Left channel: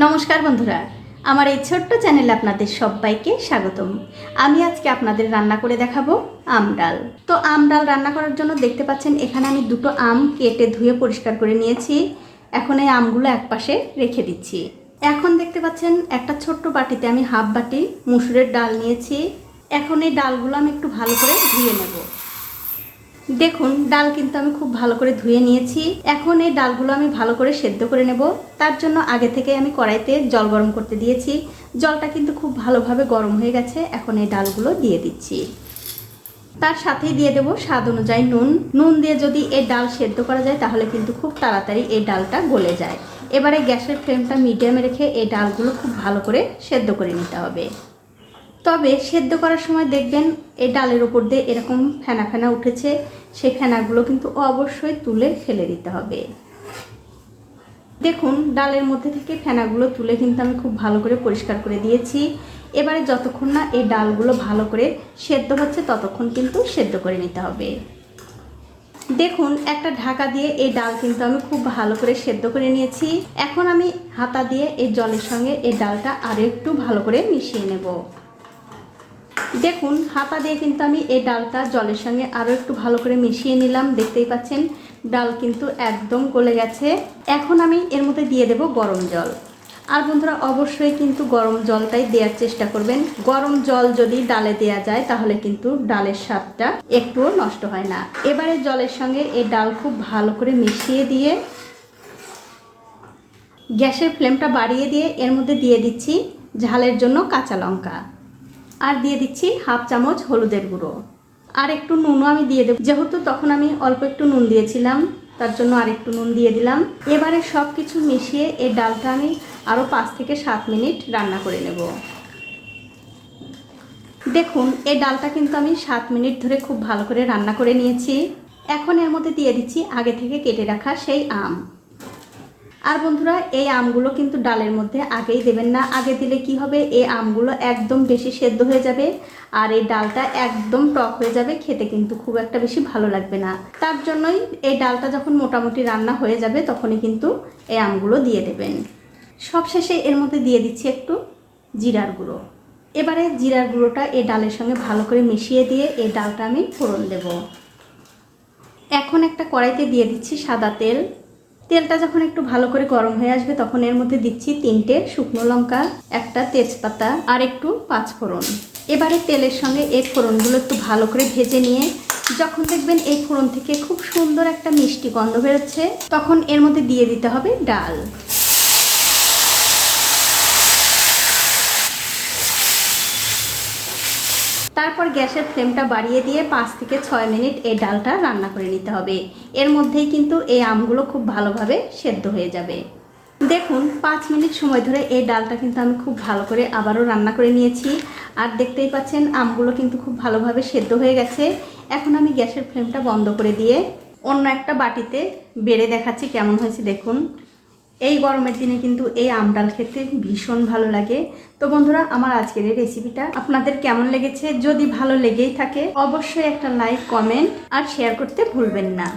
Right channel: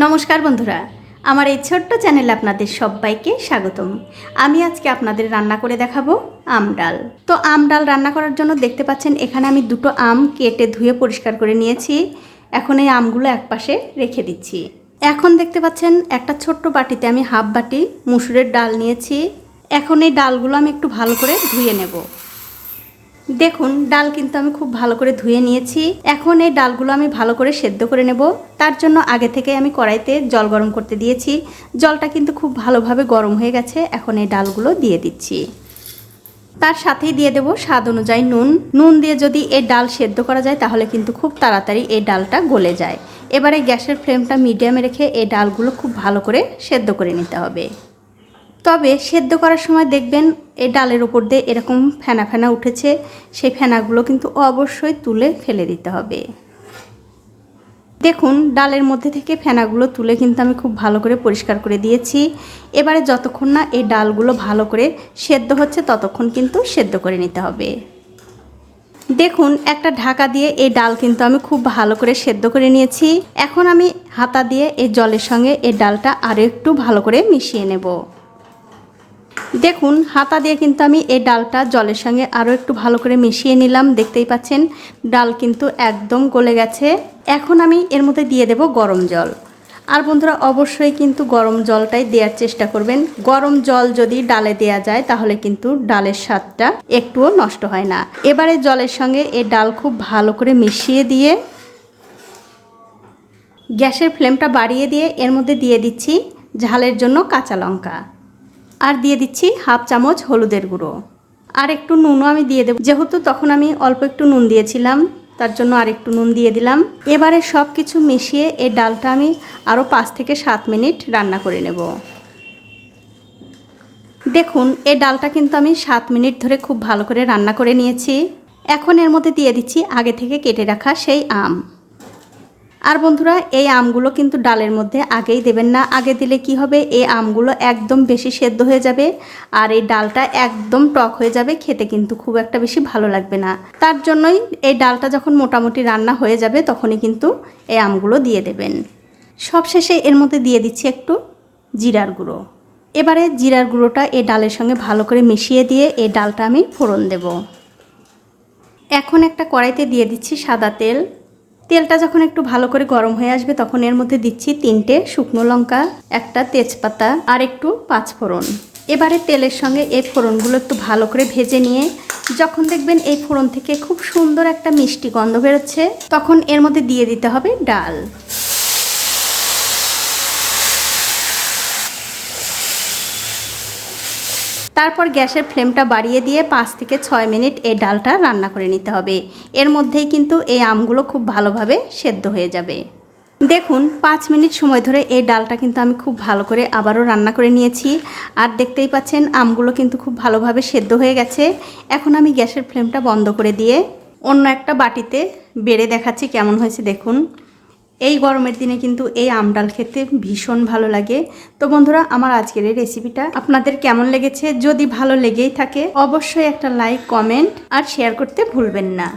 নমস্কার বন্ধুরা, আমার এই ছোট্ট চ্যানেলে আপনাদের সবাইকে স্বাগতম। আমি আজকে আপনাদের রান্না করে দেখাবো আম ডাল। তো আম ডাল রান্না করার জন্য দেখতে পাচ্ছেন, এখানে আমি দুটো আম কেটে ধুয়ে পরিষ্কার করে নিয়েছি। এখন এই আমগুলো একপাশে রেখে দিচ্ছি। এখন দেখতে পাচ্ছেন, একটা ছোট্ট বাটিতে আমি হাফ বাটি মুসুরের ডাল নিয়েছি। এখন এই ডালগুলো আমি একটু ভালো করে ধুয়ে নেব। দেখুন, ডাল কিন্তু আমি খুব ভালো করে ধুয়ে নিয়েছি। এখন এই ডালগুলো আমি ভালো করে সেদ্ধ করে নেব। তার জন্য আগে থেকে আমি কড়াইতে জল গরম করতে দিয়েছি। জলটা কিন্তু খুব ভালোভাবে গরম হয়ে গেছে। এখন এই ডালগুলো দিয়ে দিচ্ছি। তার সাথেই দিয়ে দেবো স্বাদ অনুযায়ী নুন। নুন দিয়ে যদি এই ডাল সেদ্ধ করা যায়, তাহলে কিন্তু খুব তাড়াতাড়ি এই ডালটা গলে যায়। এবারে গ্যাসের ফ্লেমটা মিডিয়ামে রেখে এই ডালগুলো খুব ভালো করে সেদ্ধ করে নিতে হবে। তবে সেদ্ধ করার সময় দেখবেন এই ডালের ওপর দিয়ে এরকম ফেনা ফেনা উঠেছে। সেই ফেনাগুলো কিন্তু অবশ্যই তুলে ফেলে দিতে হবে। দেখুন, ডালের মধ্যে থেকে ফেনাগুলো তুলে কিন্তু আমি খুব ভালো করে পরিষ্কার করে দিয়েছি। এবারে যতক্ষণ না এই ডালগুলো ভালো করে সেদ্ধ হচ্ছে, ততক্ষণ কিন্তু সেদ্ধ করে নিতে হবে। দেখুন, একটা ঢাকা দিয়ে এই ডাল কিন্তু আমি খুব ভালো করে সেদ্ধ করে নিয়েছি। এখন আমি হাতা দিয়ে এই জলের সঙ্গে এই ডালটা আরও একটু ভালো করে মিশিয়ে নেব। দেখুন, হাতা দিয়ে কিন্তু আমি এই ডালটা জলের সঙ্গে আরও একটু ভালো করে মিশিয়ে নিলাম। দেখতেই পাচ্ছেন, ডাল কিন্তু একদম গলে গেছে। এখন আমি এর মধ্যে দিয়ে দেব গরম জল। আর বন্ধুরা, অবশ্যই কিন্তু গরম জলটাই দেওয়ার চেষ্টা করবেন। গরম জল যদি ডালে দেয়া যায়, তাহলে কিন্তু ডালের স্বাদটা একটুও নষ্ট হয় না। এবারে জলের সঙ্গে এই ডাল খুব ভালো করে মিশিয়ে দিয়ে, গ্যাসের ফ্লেমটা বাড়িয়ে দিয়ে এর মধ্যে দিয়ে দিচ্ছি ঝালের জন্য কাঁচা লঙ্কা। আর দিয়ে দিচ্ছি হাফ চামচ হলুদের গুঁড়ো। আর একটু নুনও আমি দিয়ে দেবো। যেহেতু তখন আমি অল্প একটু নুন দিয়েছিলাম, তার জন্য আর একটু নুন দিয়ে দিলাম। এবারে সব কিছু মিশিয়ে এই ডালটা আমি আরও পাঁচ থেকে সাত মিনিট রান্না করে নেব। দেখুন এই ডালটা কিন্তু আমি সাত মিনিট ধরে খুব ভালো করে রান্না করে নিয়েছি। এখন এর মধ্যে দিয়ে দিচ্ছি আগে থেকে কেটে রাখা সেই আম। আর বন্ধুরা, এই আমগুলো কিন্তু ডালের মধ্যে আগেই দেবেন না। আগে দিলে কি হবে? এই আমগুলো একদম বেশি সেদ্ধ হয়ে যাবে আর এই ডালটা একদম টক হয়ে যাবে। খেতে কিন্তু খুব একটা বেশি ভালো লাগবে না। তার জন্যই এই ডালটা যখন মোটামুটি রান্না হয়ে যাবে, তখনই কিন্তু এই আমগুলো দিয়ে দেবেন। সবশেষে এর মধ্যে দিয়ে দিচ্ছি একটু জিরার গুঁড়ো। এবারে জিরার গুঁড়োটা এই ডালের সঙ্গে ভালো করে মিশিয়ে দিয়ে এই ডালটা আমি ফোড়ন দেব। এখন একটা কড়াইতে দিয়ে দিচ্ছি সাদা তেল। তেলটা যখন একটু ভালো করে গরম হয়ে আসবে, তখন এর মধ্যে দিচ্ছি তিনটে শুকনো লঙ্কা, একটা তেজপাতা আর একটু পাঁচফোড়ন। এবারে তেলের সঙ্গে এই ফোড়নগুলো একটু ভালো করে ভেজে নিয়ে, যখন দেখবেন এই ফোড়ন থেকে খুব সুন্দর একটা মিষ্টি গন্ধ বেরোচ্ছে, তখন এর মধ্যে দিয়ে দিতে হবে ডাল। তারপর গ্যাসের ফ্লেমটা বাড়িয়ে দিয়ে পাঁচ থেকে ছয় মিনিট এই ডালটা রান্না করে নিতে হবে। এর মধ্যেই কিন্তু এই আমগুলো খুব ভালোভাবে সেদ্ধ হয়ে যাবে। দেখুন, পাঁচ মিনিট সময় ধরে এই ডালটা কিন্তু আমি খুব ভালো করে আবারও রান্না করে নিয়েছি। আর দেখতেই পাচ্ছেন, আমগুলো কিন্তু খুব ভালোভাবে সেদ্ধ হয়ে গেছে। এখন আমি গ্যাসের ফ্লেমটা বন্ধ করে দিয়ে অন্য একটা বাটিতে বেড়ে দেখাচ্ছি কেমন হয়েছে। দেখুন এই গরমের দিনে কিন্তু এই আম ডাল খেতে ভীষণ ভালো লাগে। তো বন্ধুরা, আমার আজকের এই রেসিপিটা আপনাদের কেমন লেগেছে? যদি ভালো লেগেই থাকে, অবশ্যই একটা লাইক কমেন্ট আর শেয়ার করতে ভুলবেন না।